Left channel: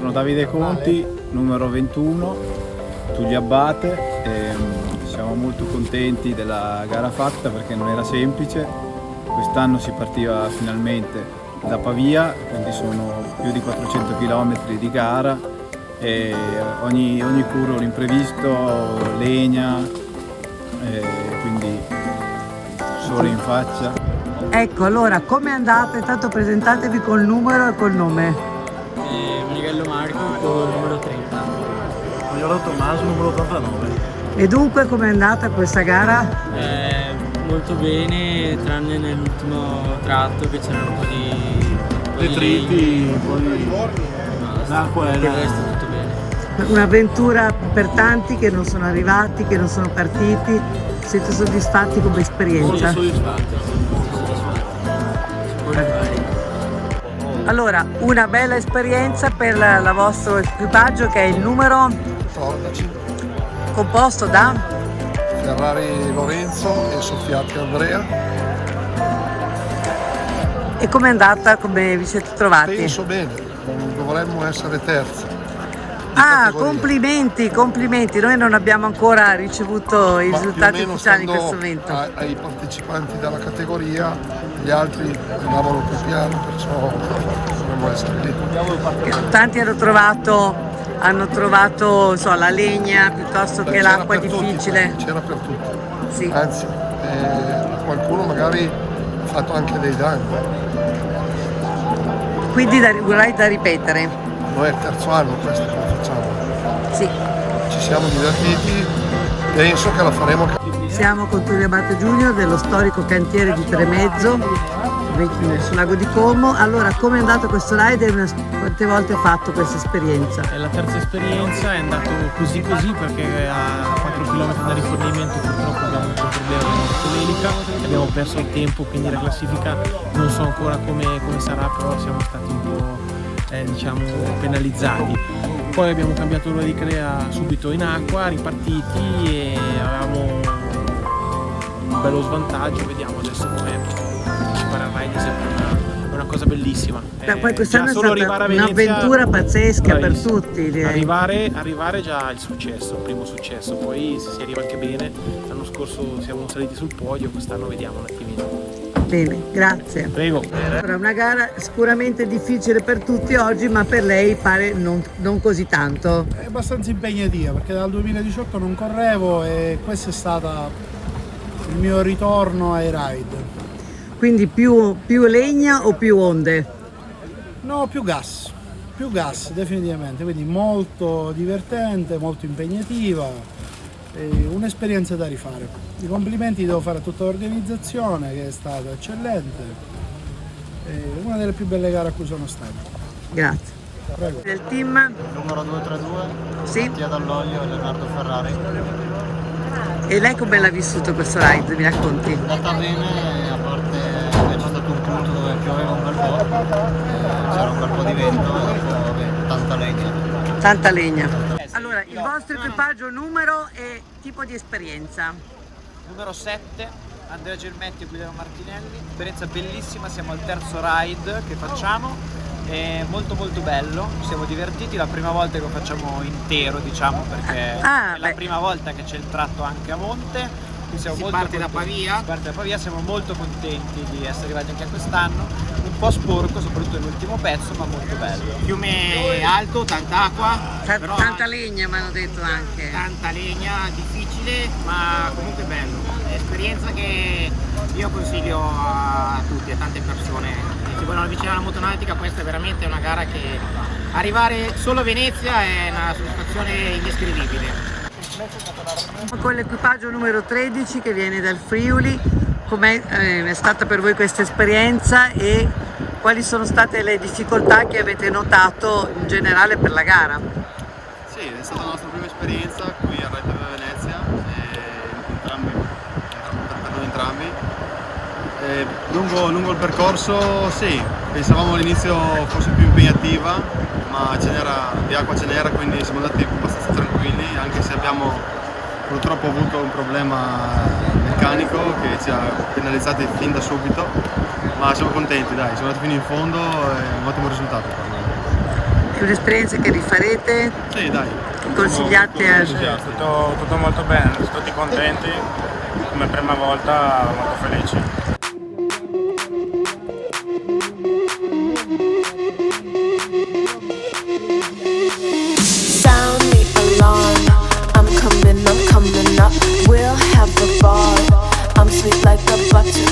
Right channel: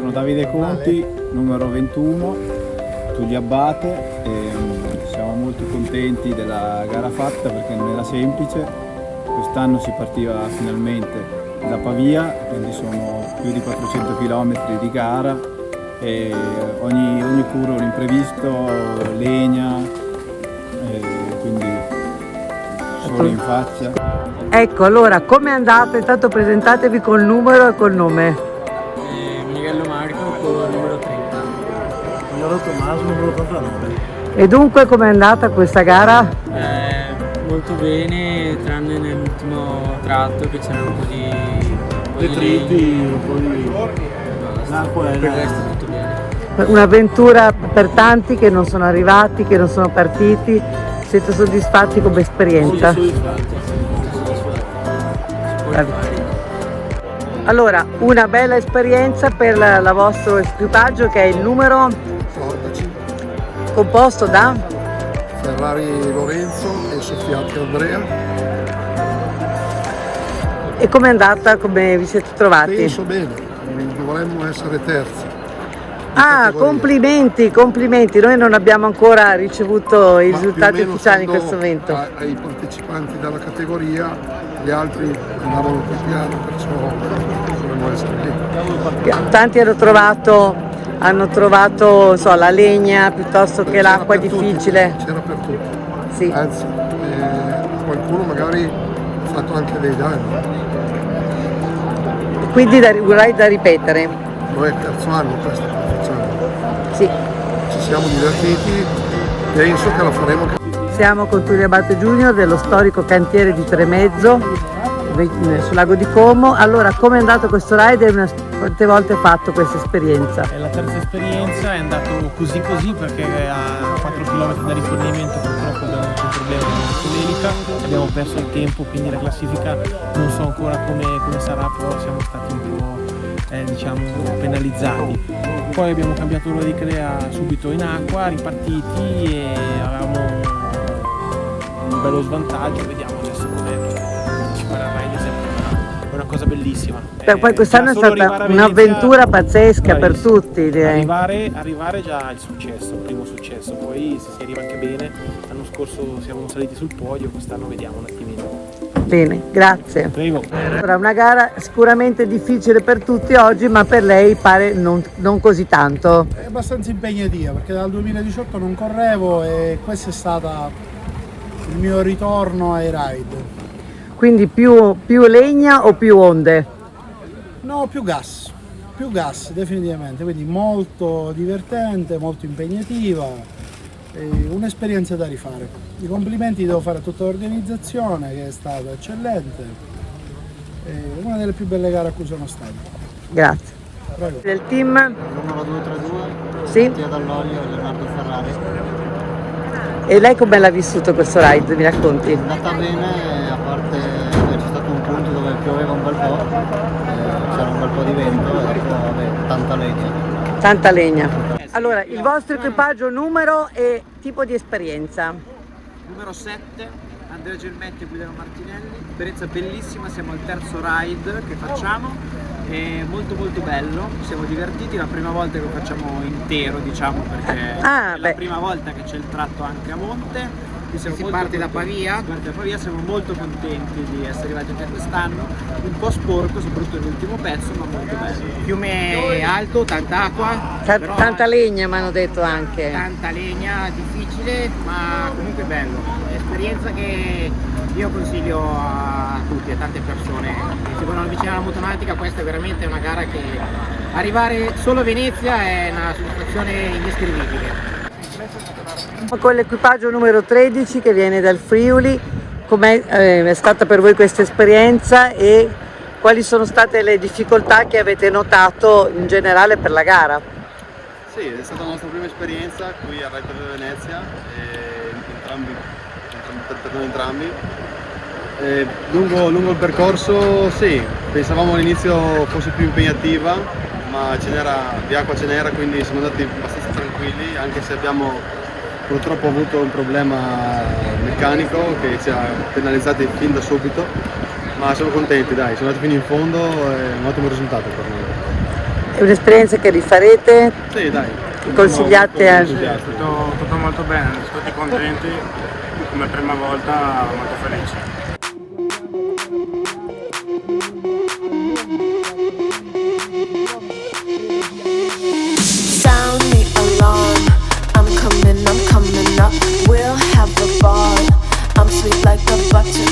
Sono Davide Conti, numero 21, Tullio Abate, e siamo molto contenti della gara fatta perché non era semplice. Quest'anno si partiva finalmente da Pavia, quindi sono più di 400 km di gara e ogni curva un imprevisto, legna, quindi sole in faccia. Ecco, allora, come andate? Intanto presentatevi col numero e col nome. Miguel Marco con numero 30. Magliolo Tommaso numero 89. E dunque com'è andata questa gara? Molto bene, tranne nell'ultimo tratto che c'erano un po' di Detriti, un po' di l'acqua per e il resto tutto bene. Un'avventura per tanti che non sono arrivati, che non sono partiti. Siete soddisfatti come esperienza? Soddisfatti. Si può Vabbè. rifare. Allora, una bella esperienza per il vostro equipaggio che è il numero 14, composto da? Ferrari Lorenzo e Soffiati Andrea. E com'è andata? Come vi siete trovati? Penso bene, dovremmo essere terzi. Ah, complimenti, complimenti. Noi non abbiamo ancora ricevuto i Ma risultati più o meno ufficiali in stando questo momento. ai partecipanti della categoria, gli altri andavano più piano, perciò dovremmo essere lì. Tanti hanno trovato non so, la legna piuttosto che C'era l'acqua per tutti, difficile. c'era per tutti. Sì. Anzi, qualcuno magari ha fatto anche dei danni. Quindi vorrei da ripetere. Noi è il terzo anno questo che facciamo. Sì. Ci siamo divertiti, penso che la faremo. Siamo con Tullio Abate Junior dello storico cantiere di Tremezzo sul lago di Como. Allora, come è andato questo ride e quante volte hai fatto questa esperienza? È la terza esperienza, è andato così perché a 4 km da rifornimento purtroppo abbiamo avuto un problema di motoelica, abbiamo perso il tempo, quindi la classifica non so ancora come sarà, però siamo stati un po' diciamo penalizzati. Poi abbiamo cambiato l'ora di crea subito in acqua, ripartiti e avevamo un bello svantaggio, vediamo adesso come ci farà il ride, è sempre una cosa bellissima. Poi quest'anno è già solo stata arrivare a Venezia, un'avventura pazzesca per bravissimo. tutti, direi. Arrivare già il successo, il primo successo, poi se si arriva anche bene, l'anno scorso siamo saliti sul podio, quest'anno vediamo un attimino. Bene, grazie. Prego. Allora, una gara sicuramente difficile per tutti oggi, ma per lei pare non così tanto. È abbastanza impegnativa perché dal 2018 non correvo e questo è stato il mio ritorno ai ride. Quindi più legna o più onde? No, più gas definitivamente, quindi molto divertente, molto impegnativa, un'esperienza da rifare. I complimenti devo fare a tutta l'organizzazione che è stata eccellente, una delle più belle gare a cui sono stato. Grazie. Prego. Del team? Numero 232, Sì. Mattia Dall'Olio e Leonardo Ferrari. E lei come l'ha vissuto questo ride? Mi racconti? È andata bene, a parte vabbè, c'è stato un punto dove pioveva un bel po', c'era un bel po' di vento e dopo vabbè, tanta legna. Tanta legna. Allora, il vostro equipaggio, numero e tipo di esperienza? Numero 7, Andrea Gelmetti e Guglielmo Martinelli, esperienza bellissima, siamo al terzo ride che facciamo, è molto bello, ci siamo divertiti, la prima volta che lo facciamo intero diciamo perché è la prima volta che c'è il tratto anche a monte. Si parte da Pavia, siamo molto contenti di essere arrivati anche quest'anno, un po' sporco soprattutto nell'ultimo pezzo ma molto bello. Fiume alto, tanta acqua, però Tanta legna mi hanno detto anche. tanta legna, difficile ma comunque bello, è esperienza che io consiglio a tutti, a tante persone che si vogliono avvicinare alla motonautica. Questa è veramente una gara che arrivare solo a Venezia è una soddisfazione indescrivibile. Con l'equipaggio numero 13 che viene dal Friuli, com'è è stata per voi questa esperienza e quali sono state le difficoltà che avete notato in generale per la gara? Sì, è stata la nostra prima esperienza qui al Ride per Venezia, per noi entrambi. Lungo il percorso sì, pensavamo all'inizio fosse più impegnativa, ma di acqua ce n'era, quindi siamo andati abbastanza tranquilli, anche se abbiamo purtroppo avuto un problema meccanico che ci ha penalizzati fin da subito, ma siamo contenti, dai, siamo andati fino in fondo e un ottimo risultato per noi. È un'esperienza che rifarete? Sì, dai. Che consigliate a... Tutto molto bene, tutti contenti, come prima volta molto felici.